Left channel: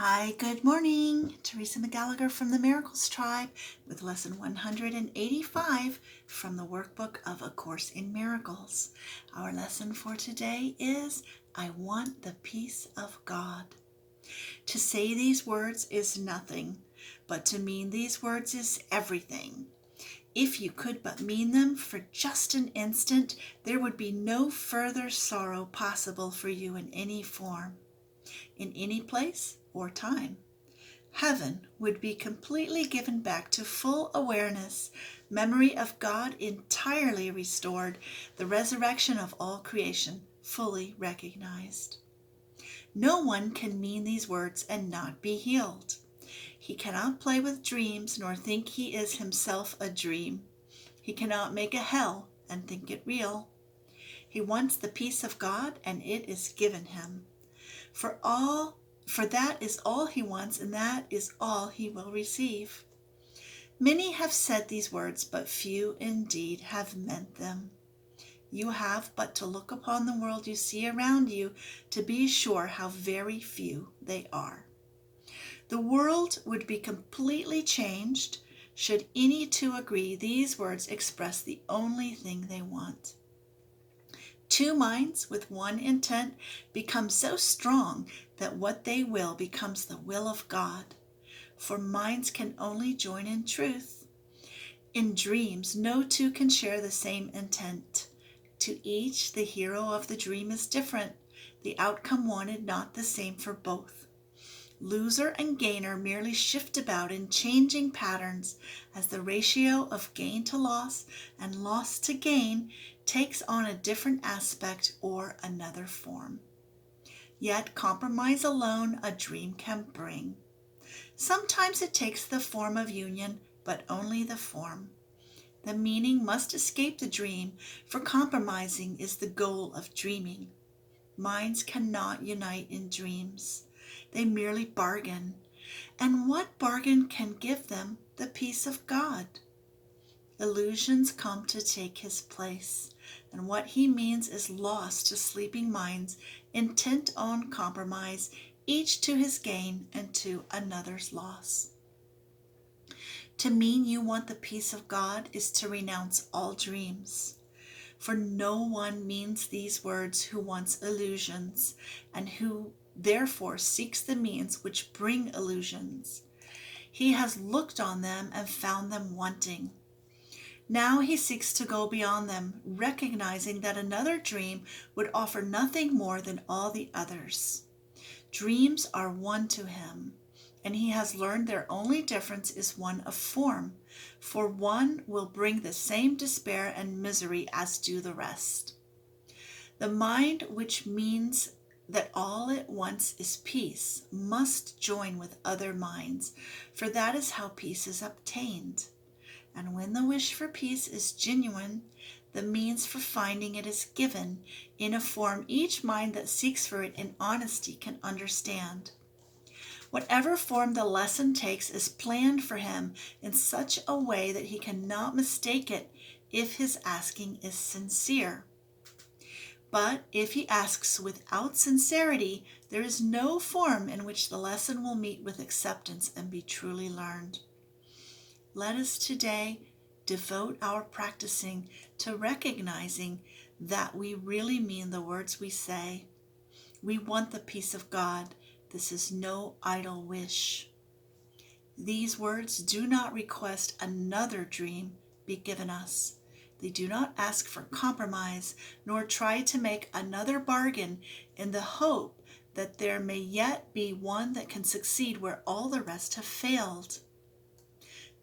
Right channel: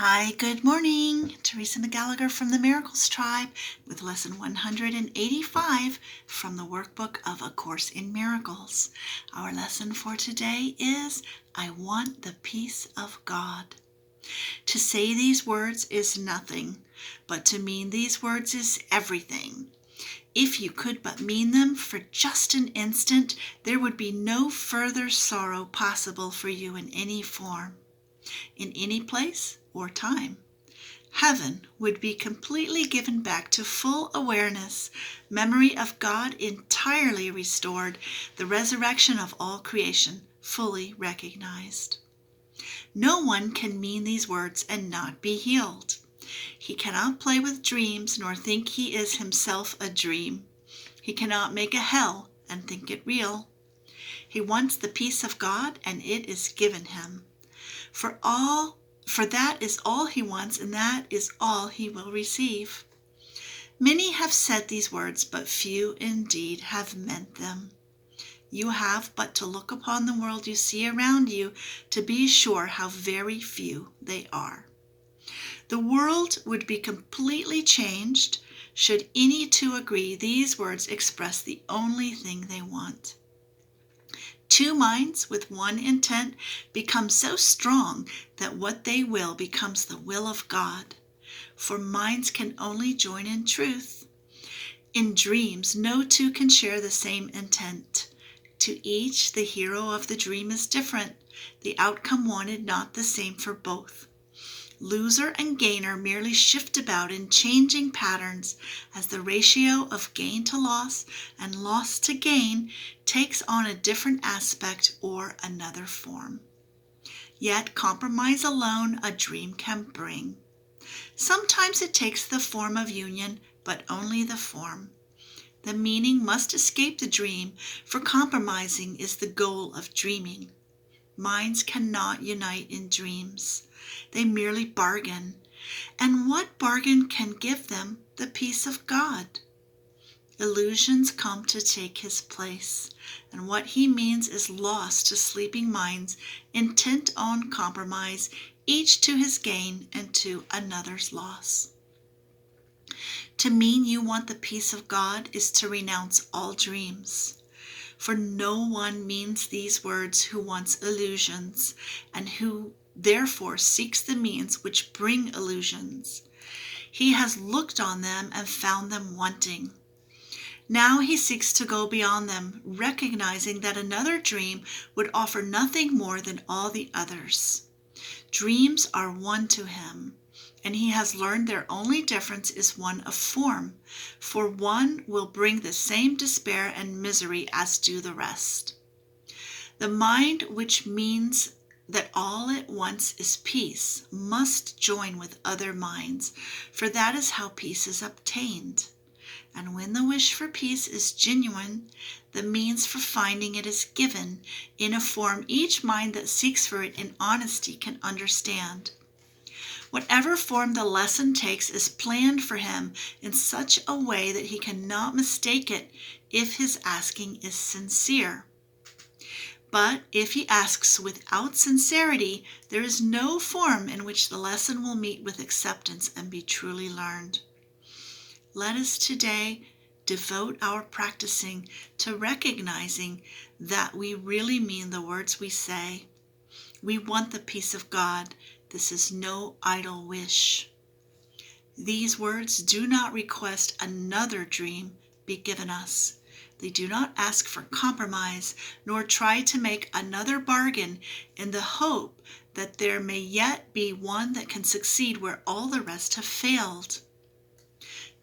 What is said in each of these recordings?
Hi, good morning. Teresa McGallicher from the Miracles Tribe with lesson 185 from the Workbook of A Course in Miracles. Our lesson for today is, I want the peace of God. To say these words is nothing, but to mean these words is everything. If you could but mean them for just an instant, there would be no further sorrow possible for you in any form, in any place or time. Heaven would be completely given back to full awareness, memory of God entirely restored, the resurrection of all creation fully recognized. No one can mean these words and not be healed. He cannot play with dreams nor think he is himself a dream. He cannot make a hell and think it real. He wants the peace of God, and it is given him. For that is all he wants, and that is all he will receive. Many have said these words, but few indeed have meant them. You have but to look upon the world you see around you to be sure how very few they are. The world would be completely changed should any two agree these words express the only thing they want. Two minds with one intent become so strong that what they will becomes the will of God. For minds can only join in truth. In dreams, no two can share the same intent. To each, the hero of the dream is different, the outcome wanted not the same for both. Loser and gainer merely shift about in changing patterns as the ratio of gain to loss and loss to gain takes on a different aspect or another form. Yet compromise alone a dream can bring. Sometimes it takes the form of union, but only the form. The meaning must escape the dream, for compromising is the goal of dreaming. Minds cannot unite in dreams. They merely bargain. And what bargain can give them the peace of God? Illusions come to take his place, and what he means is lost to sleeping minds intent on compromise, each to his gain and to another's loss. To mean you want the peace of God is to renounce all dreams. For no one means these words who wants illusions, and who therefore seeks the means which bring illusions. He has looked on them and found them wanting. Now he seeks to go beyond them, recognizing that another dream would offer nothing more than all the others. Dreams are one to him, and he has learned their only difference is one of form, for one will bring the same despair and misery as do the rest. The mind which means that all it wants is peace must join with other minds, for that is how peace is obtained. And when the wish for peace is genuine, the means for finding it is given in a form each mind that seeks for it in honesty can understand. Whatever form the lesson takes is planned for him in such a way that he cannot mistake it if his asking is sincere. But if he asks without sincerity, there is no form in which the lesson will meet with acceptance and be truly learned. Let us today devote our practicing to recognizing that we really mean the words we say. We want the peace of God. This is no idle wish. These words do not request another dream be given us. They do not ask for compromise, nor try to make another bargain in the hope that there may yet be one that can succeed where all the rest have failed.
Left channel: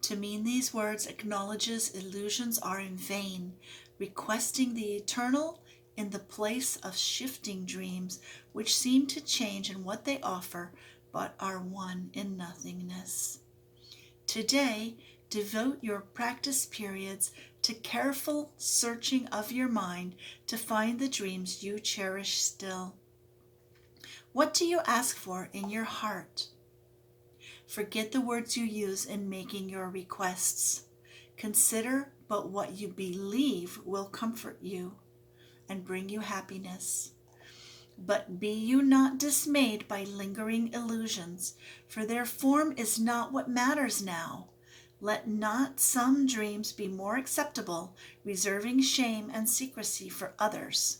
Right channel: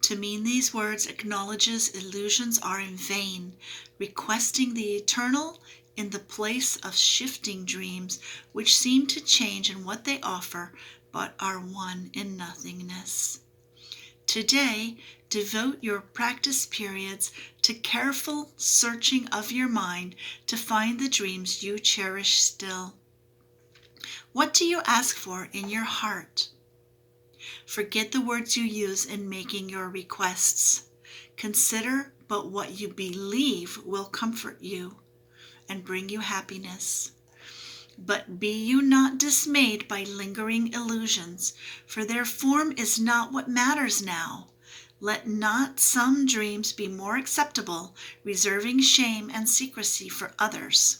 To mean these words acknowledges illusions are in vain, requesting the eternal in the place of shifting dreams which seem to change in what they offer, but are one in nothingness. Today, devote your practice periods to careful searching of your mind to find the dreams you cherish still. What do you ask for in your heart? Forget the words you use in making your requests. Consider but what you believe will comfort you and bring you happiness. But be you not dismayed by lingering illusions, for their form is not what matters now. Let not some dreams be more acceptable, reserving shame and secrecy for others.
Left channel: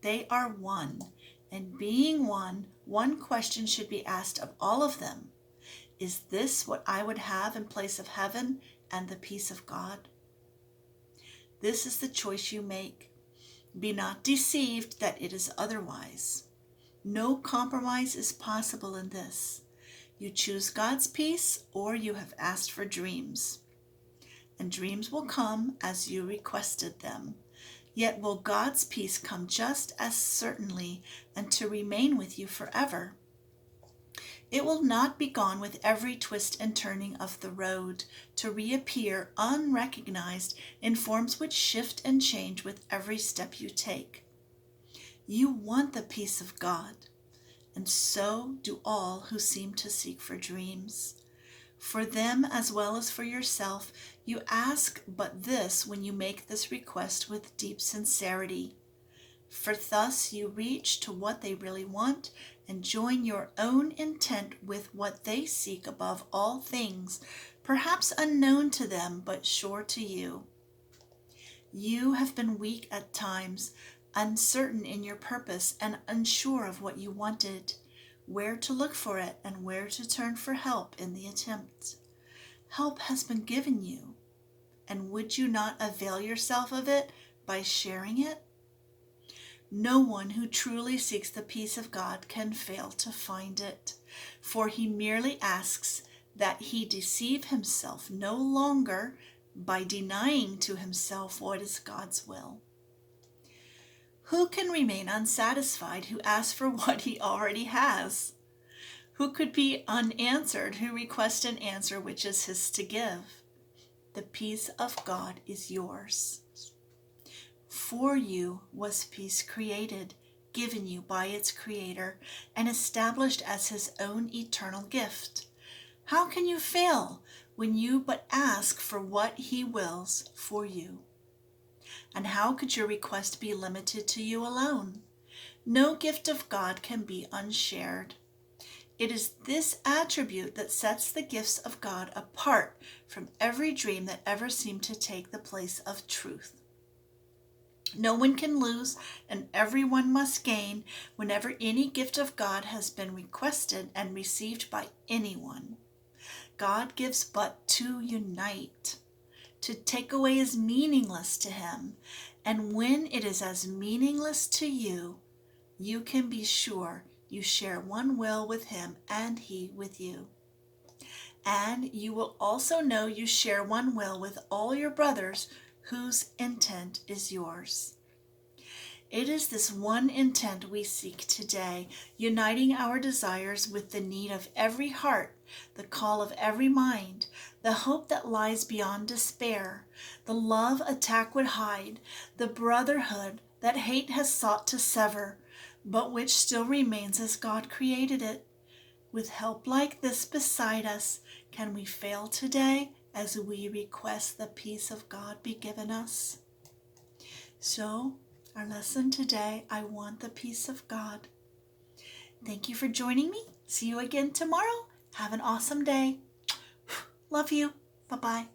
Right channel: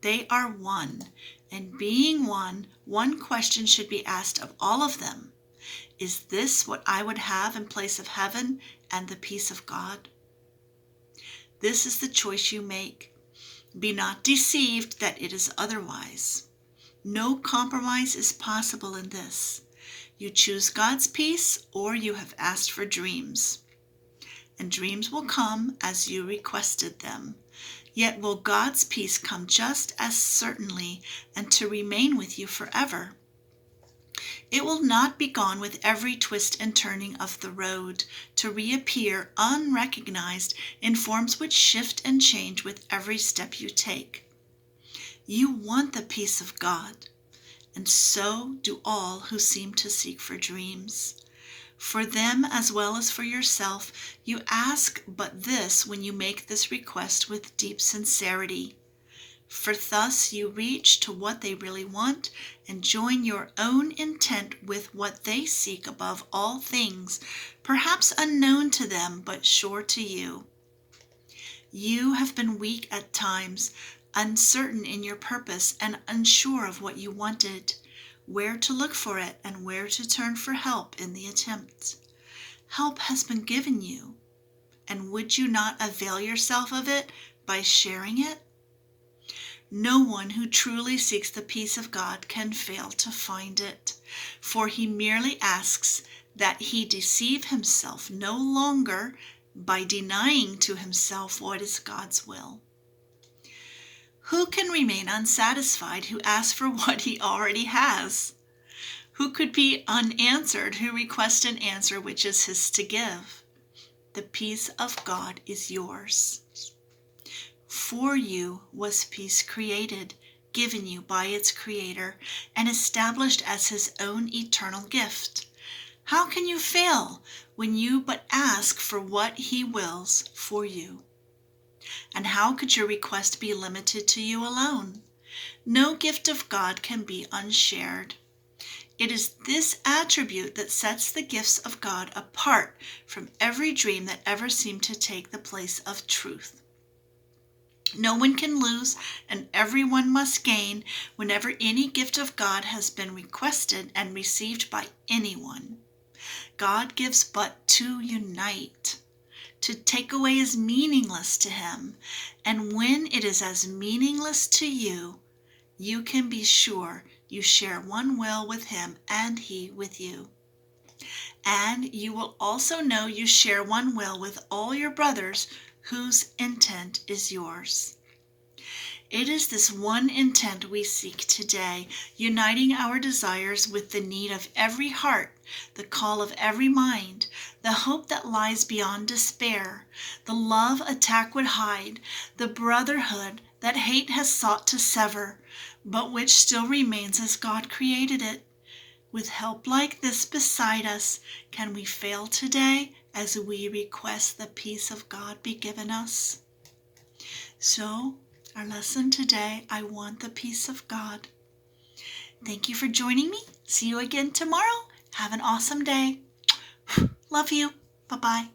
They are one, and being one, one question should be asked of all of them. Is this what I would have in place of heaven and the peace of God? This is the choice you make. Be not deceived that it is otherwise. No compromise is possible in this. You choose God's peace, or you have asked for dreams. And dreams will come as you requested them. Yet will God's peace come just as certainly and to remain with you forever. It will not be gone with every twist and turning of the road, to reappear unrecognized in forms which shift and change with every step you take. You want the peace of God, and so do all who seem to seek for dreams. For them as well as for yourself, you ask but this when you make this request with deep sincerity. For thus you reach to what they really want and join your own intent with what they seek above all things, perhaps unknown to them but sure to you. You have been weak at times, uncertain in your purpose and unsure of what you wanted, where to look for it and where to turn for help in the attempt. Help has been given you, and would you not avail yourself of it by sharing it? No one who truly seeks the peace of God can fail to find it, for he merely asks that he deceive himself no longer by denying to himself what is God's will. Who can remain unsatisfied who asks for what he already has? Who could be unanswered who requests an answer which is his to give? The peace of God is yours. For you was peace created, given you by its Creator, and established as his own eternal gift. How can you fail when you but ask for what he wills for you? And how could your request be limited to you alone? No gift of God can be unshared. It is this attribute that sets the gifts of God apart from every dream that ever seemed to take the place of truth. No one can lose, and everyone must gain whenever any gift of God has been requested and received by anyone. God gives but to unite. To take away is meaningless to him, and when it is as meaningless to you, you can be sure you share one will with him and he with you. And you will also know you share one will with all your brothers whose intent is yours. It is this one intent we seek today, uniting our desires with the need of every heart, the call of every mind, the hope that lies beyond despair, the love attack would hide, the brotherhood that hate has sought to sever, but which still remains as God created it. With help like this beside us, can we fail today as we request the peace of God be given us? So, our lesson today, I want the peace of God. Thank you for joining me. See you again tomorrow. Have an awesome day. Love you. Bye-bye.